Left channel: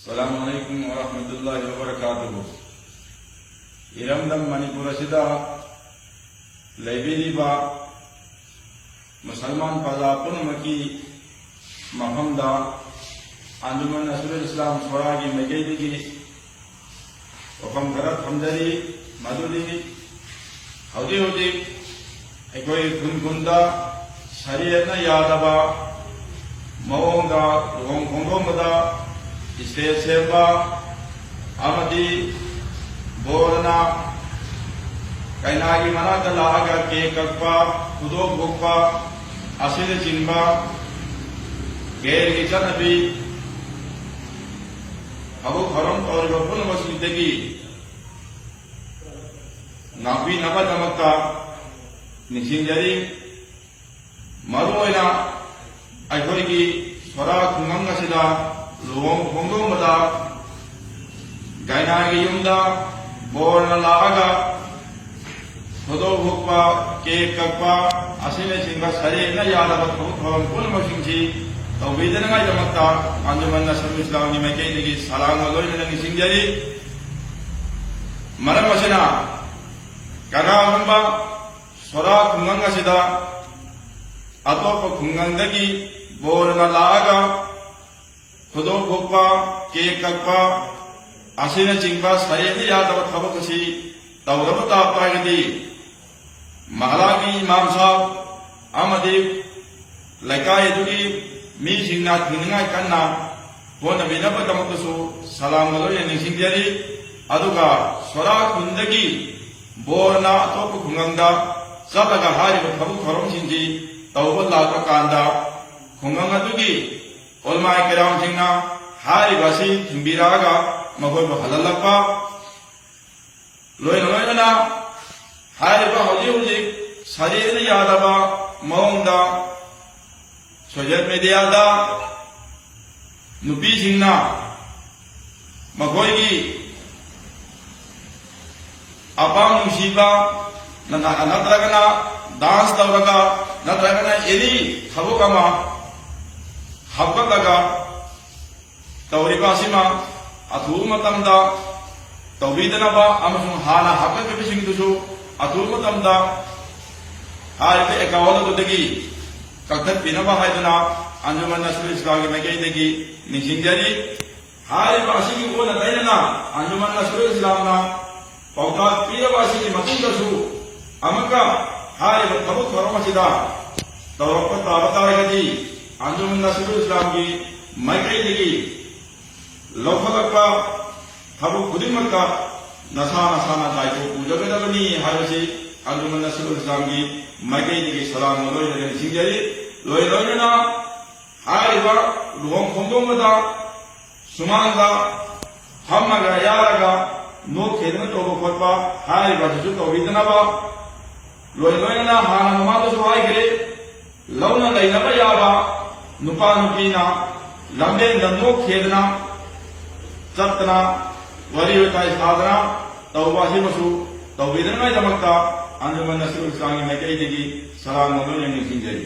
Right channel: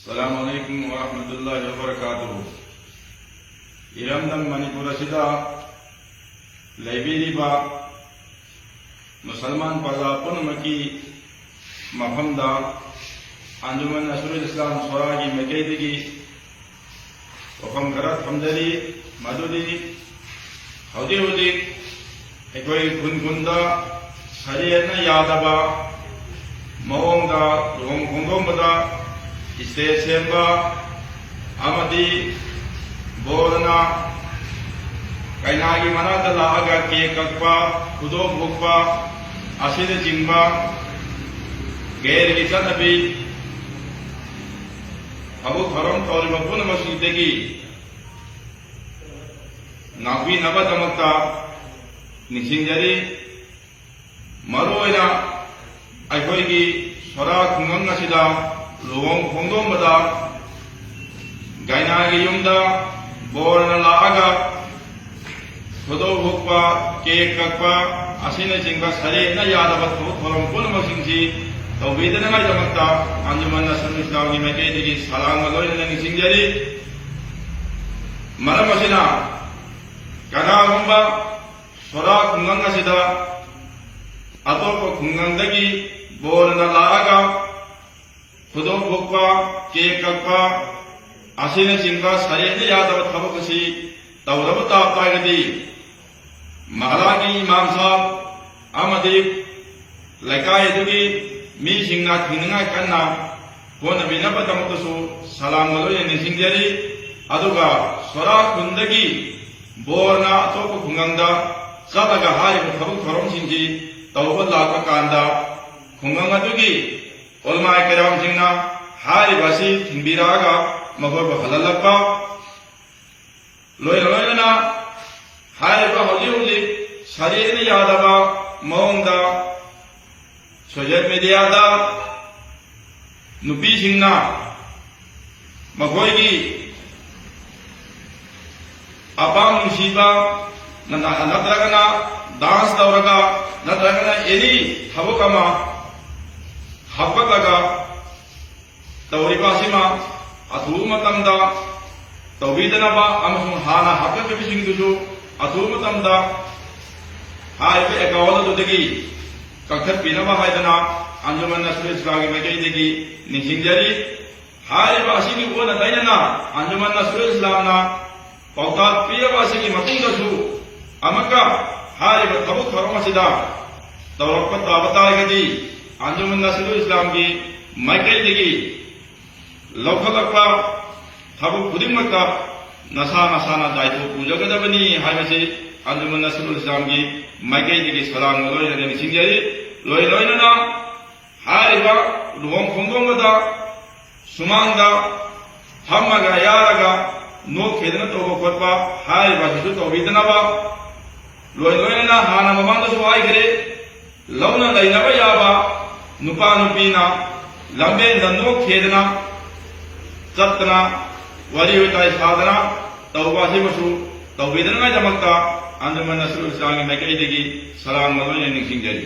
अस्सलामुअलैकुम वरहमतुल्लाहि वबरकातुहु। इरमदम मणिपुर असिदा लैबिरिबा मुसलमान पगला पुनमकी मफमदा अंजुमन नसरुल इस्लाम सोरागी मकेदिगी वफम खरा थमजरी मदुदी हौजी हौजी अखोई खुनखुंदा सरियना यादबा मओंदा लुहोंग खोंगोंबदा स्टेज सेंबा अमदी बोरना कईनागी मनाता लागा के कक्पा खुदो भोगपा असिद चिंबा गैर की चनबी हबु खरम तौरिबा पुनमसिदगी नाबी नबदमक्ता निसिंजरी मरोइना अखोइगी सोरा खुंगंग असिदा लुहोंग खोंगोंबदा गायनागी युमदा बोरना लागा खुदो भोगपा केक कक्पा असिन चिंबा सरियना यादबा थबुक थोरम पुनमसिंगसी तौबीदनगाइदमक्ता अंजुमन नसरुल इस्लाम की मैकेदिगी सलाम लोइना निसिंजरी मरम असिना कनागंबा सोरा खुंगंग असिदा अतोप खुंगंगदगी बोरना लागा खुदो भोगपा केक कक्पा असिन चिंबा सरियना यादबा थबुक असि तौरब तागदी महारानी इमाम साहब अमदी लैकायदुगी मी सिंगा थिंगना कन्ना होनबिनबदमक्तसु सलाम लोइना निसिंजरी अदुगा सोरा खुंदगी बोरना अतोप खुंगंगदा चलगा हारिबा थबुक थोरमसिंगी तौबा लापा कांदा खुंगंग अदुगी ओलमा करामसिंगना हारिबासी थिंबिरागा मगोरबा हललप्पा लोइना हारिबा हौजी हौजी सरियना यादबा मओंदा सोशल मीडियादा नुपीसिंगना मखोइगी अपांग नुसीबा नत्रगना डांस तौरगा नत्रगना एनी थबुक अमा हपकलगा तौरिबासिमा अथुब मतमदा तौबीदनबा अमसुंग हाना हपकलिबिसिंगदुसु अथुब मतमदा हारिबा एकाउंट अदुदगी कक्थपिनबा हाइदना अंजुमन नसरुल इस्लाम की मैकेदिगी निसिंजरी हारिबा असिगी ओना तैनना अंजुमन नसरुल इस्लामना पौतात पीरबा असिगी मतुंगदसु अमका हारिबा थबुक थोरमसिदा तौरक्पा ताबतागदी अंजुमन नसरुल इस्लाम की मैकेदिगी लौखलक्पा थबुक खुदिमक्ता नसा नसाना दायित्व पूजगदबनी हाइबसी अंजुमन नसरुल इस्लाम की मैकेदिगी सलाम लोइना निसिंजरी लोइना हारिबा लुहोंग खोंगोंबदा सुमांगदा फम्मगा यारगा नोक खेदना तोबा खोटपा हारिबा हिसु तौबीदनबा लोइना हाना ममांगदसु हाइग्रे लौना लैनबा याबा नुपा नुपीना लंबे नंदोक खेदना चतना वरी वताई साधना तौबा हिमसु तौबीदनगाइदमक्ता अंजुमन नसरुल इस्लाम की मैकेदिगी सलाम लोइना निसिंजरी।